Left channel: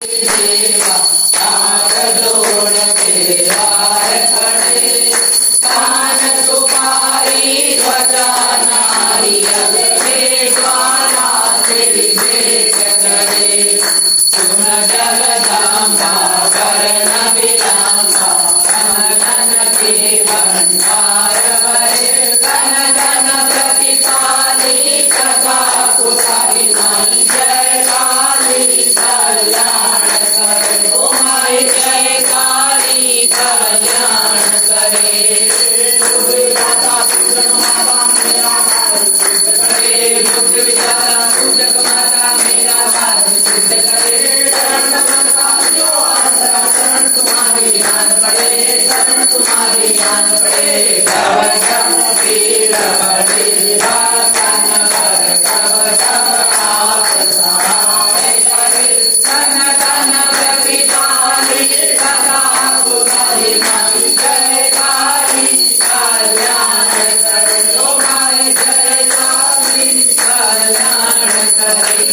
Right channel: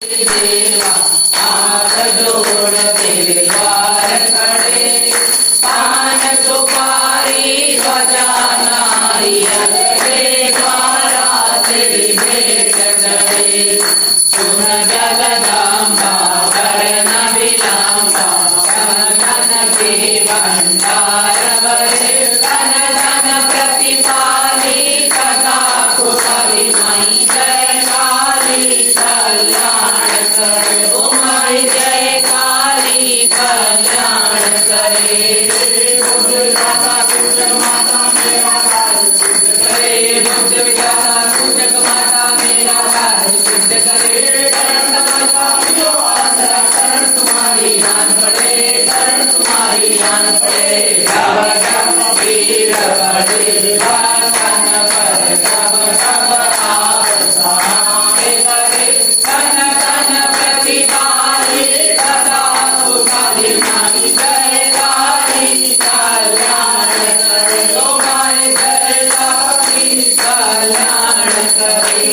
देवा हाथ जोड़ के द्वार खड़े, पान सुपारी ध्वजा नारियल के द्वारा तेरी भेंट करे। सुन जगदम्बा वरण विलंबा, धन के भंडार भरे, धन धन प्रतिपाली सदा कुशली माई जय काली कल्याण करे। ओ माई जय काली कल्याण करे। बुद्ध विधाता पूजक माता मेरा कार्य सिद्ध करे, बुद्ध विधाता पूजक माता मेरा कार्य सिद्ध करे। शरण माता यो आसरा, शरण तुम्हारी आन पड़े, शरण तुम्हारी आन पड़े। तव गंभीर बड़े वासन पर तब तब आप सहाय करे। धन धन प्रतिपाली सदा कुशली माई जय काली कल्याण करे। ओ माई जय काली कल्याण करे।